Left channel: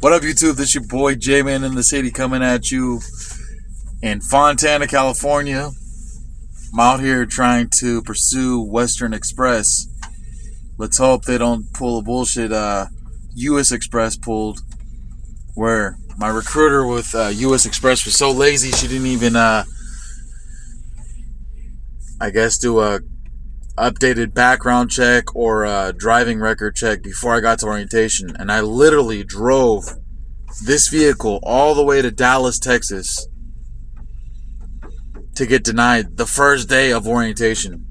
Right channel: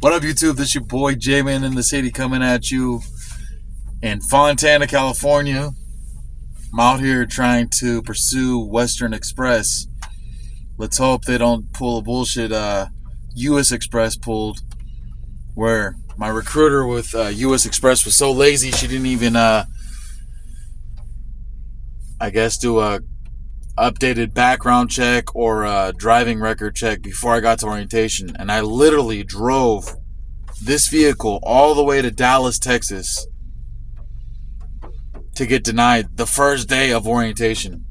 What up, YouTube? This your boy J-Man in the City coming at you in Fontana, California. I'm out here trying to pursue Western Express. Let's hope they don't pull a bullshit U.S. Express pulled, where my recruiter with U.S. Express was so lazy she didn't even, do a updated background check or a driving record check before I got to orientation. And I literally drove this vehicle all the way to Dallas, Texas to get denied the first day of orientation.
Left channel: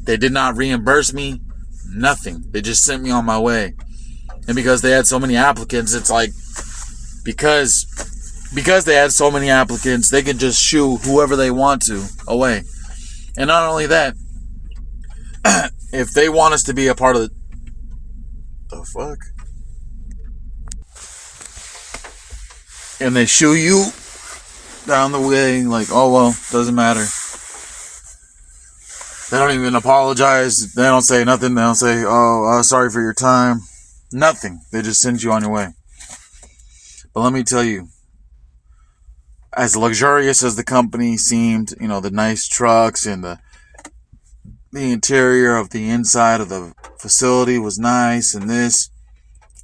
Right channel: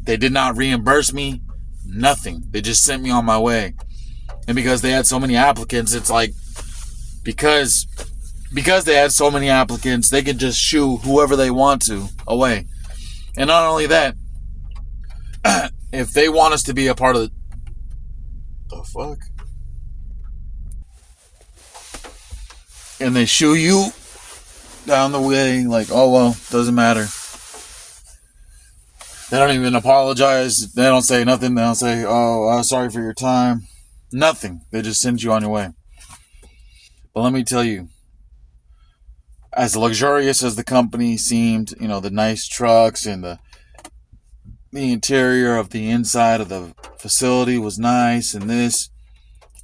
They did not reimburse me, nothing. They just sent me on my way. And because they had so many applicants, it's like, because they had so many applicants, they can just shoo whoever they want to away. And not only that, if they want us to be a part of the fuck? And they shoo you down the way, like, oh well, doesn't matter. They don't even apologize. They don't say nothing. They don't say, sorry for your time. Nothing. They just send you on your way. But let me tell you, as luxurious as the company seemed, the nice trucks and the interior of the inside of the facility was nice, and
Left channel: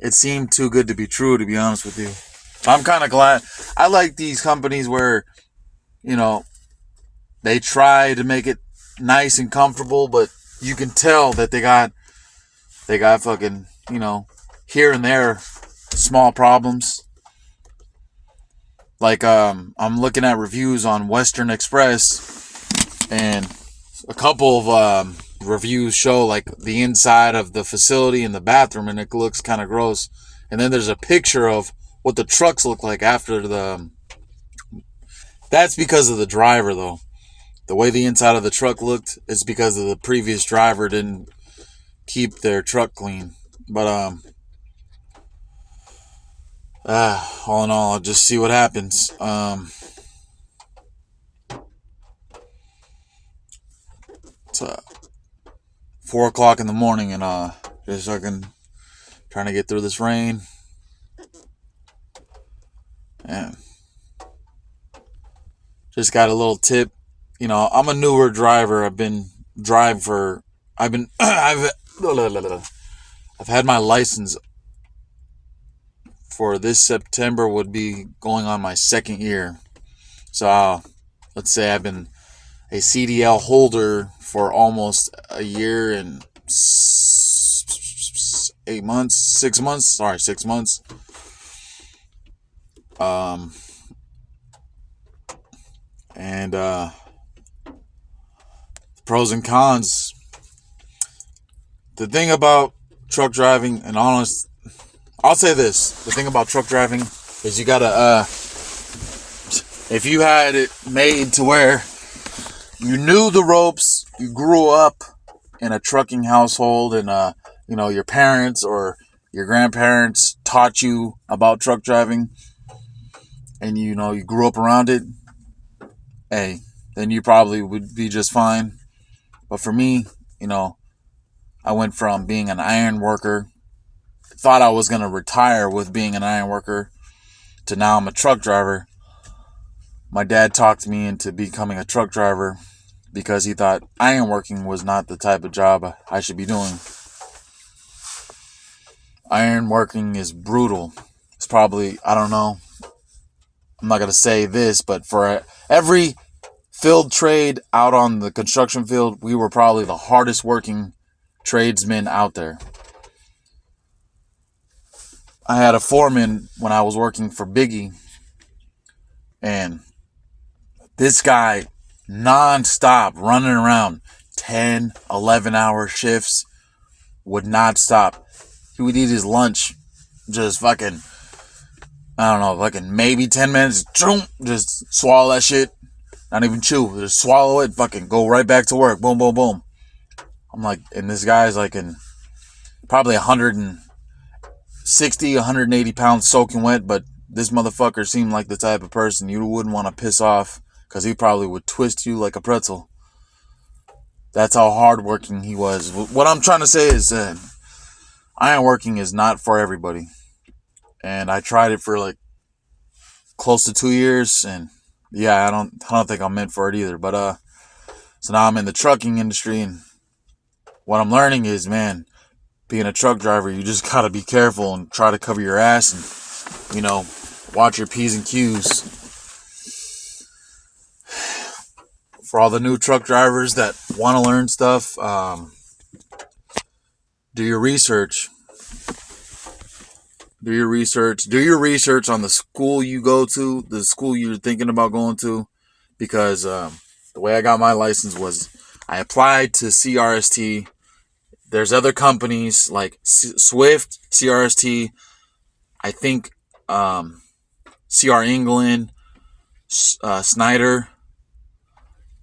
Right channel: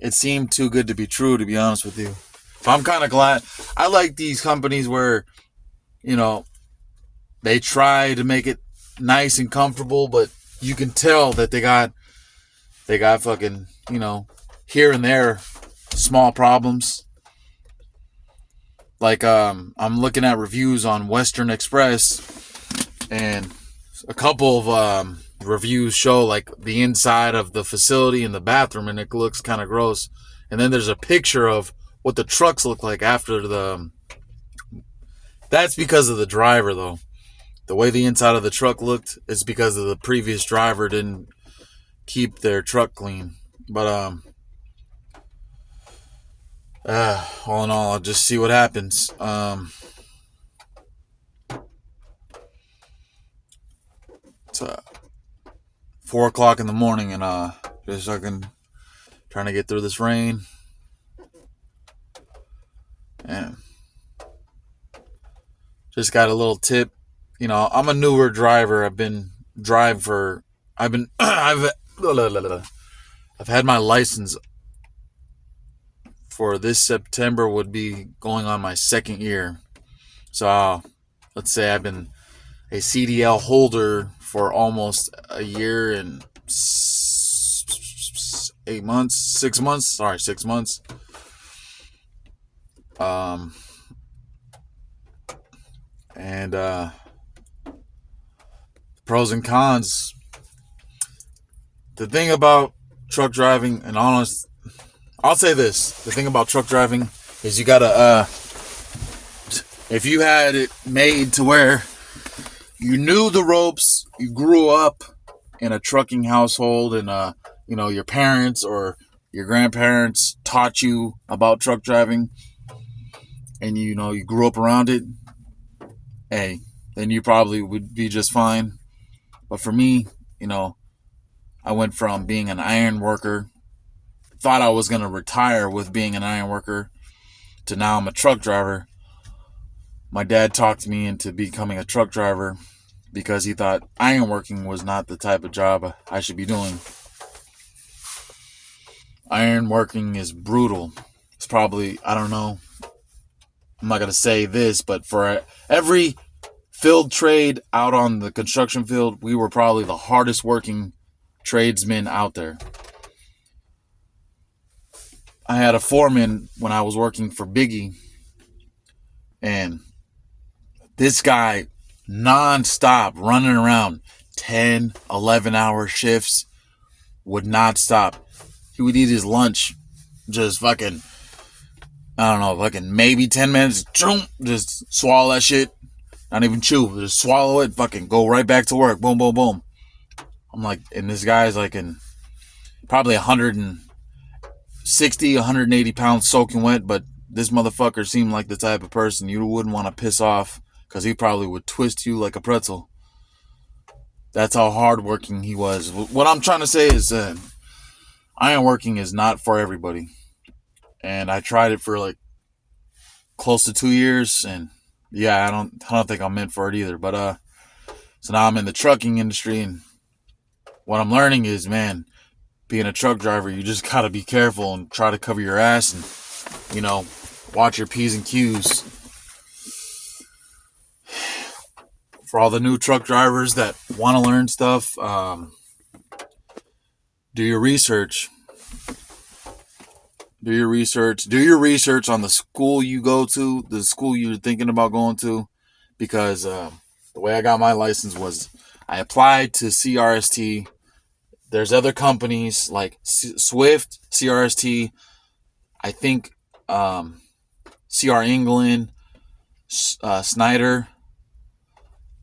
it seemed too good to be true, to be honest with you. I'm kind of glad. I like these companies where, they try to make it nice and comfortable, but you can tell that they got fucking, here and there small problems. Like, I'm looking at reviews on Western Express, and a couple of reviews show like the inside of the facility and the bathroom, and it looks kind of gross. And then there's a picture of what the trucks look like after that's because of the driver, though. The way the inside of the truck looked is because of the previous driver didn't keep their truck clean. But all in all, I'll just see what happens. It's 4 o'clock in the morning, and just fucking trying to get through this rain. Yeah. Just got a little tip. I'm a newer driver. I've had my license for this September, would be going on my second year. So let's say I've been a CDL holder for almost a year and 6 months. And pros and cons. The thing about truck driving, and I'll say this: the thing about truck driving is you gotta, if you had it made to where you knew the ropes, you grew up in a trucking household, and your parents or your grandparents taught you about truck driving, and you grew up around it, hey, then you probably would be just fine. But for me, I went from being an iron worker, thought I was going to retire with being an iron worker, to now I'm a truck driver. My dad talked me into becoming a truck driver because he thought iron working was not the type of job I should be doing. Iron working is brutal. It's probably, I don't know, I'm not going to say this, but for every field trade out on the construction field, we were probably the hardest working tradesmen out there. I had a foreman when I was working for Biggie, and this guy non-stop running around 10, 11-hour shifts, would not stop. He would eat his lunch just fucking, maybe 10 minutes, just swallow that shit. Not even chew, just swallow it, fucking go right back to work. Boom, boom, boom. I'm like, and this guy's like in probably 160, 180 pounds soaking wet, but this motherfucker seemed like the type of person you wouldn't want to piss off, because he probably would twist you like a pretzel. That's how hardworking he was. What I'm trying to say is ironworking is not for everybody. and I tried it for like close to 2 years, and yeah, I don't think I'm meant for it either. But so now I'm in the trucking industry, and what I'm learning is, man, being a truck driver, you just gotta be careful and try to cover your ass, and watch your P's and Q's. For all the new truck drivers that want to learn stuff, do your research. Do your research. Do your research on the school you go to, the school you're thinking about going to, because the way I got my license was I applied to CRST. There's other companies like Swift, CRST, I think CR England, Snyder,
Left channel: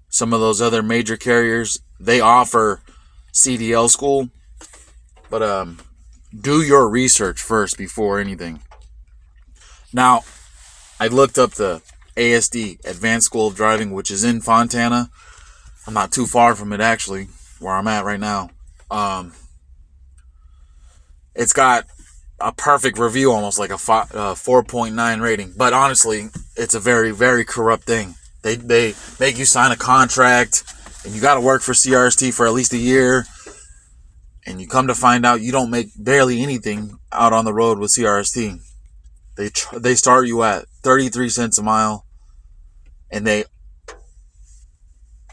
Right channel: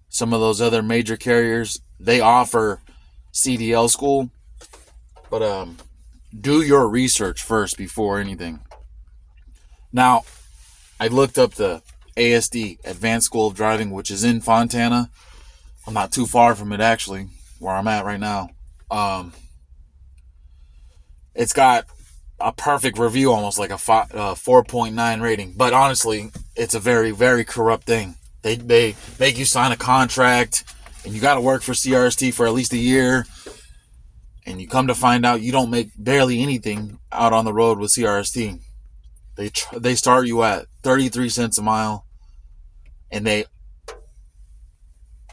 some of those other major carriers. They offer CDL school, but do your research first before anything. Now, I looked up the ASD, Advanced School of Driving, which is in Fontana. I'm not too far from it, actually, where I'm at right now. It's got a perfect review, almost like a 4.9 rating. But honestly, it's a very, very corrupt thing. They make you sign a contract, and you got to work for CRST for at least a year. And you come to find out you don't make barely anything out on the road with CRST. They start you at 33 cents a mile, and they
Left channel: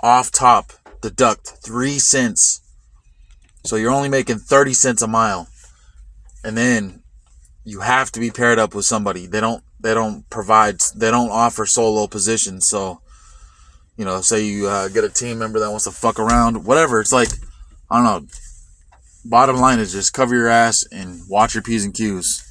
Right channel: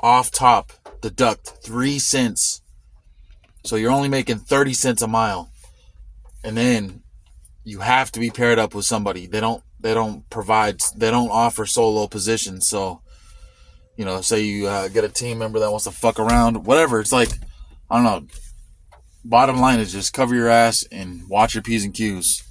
off top deduct 3 cents. So you're only making 30 cents a mile. And then you have to be paired up with somebody. They don't offer solo positions. So, say you get a team member that wants to fuck around, whatever. It's like, I don't know. Bottom line is just cover your ass and watch your P's and Q's.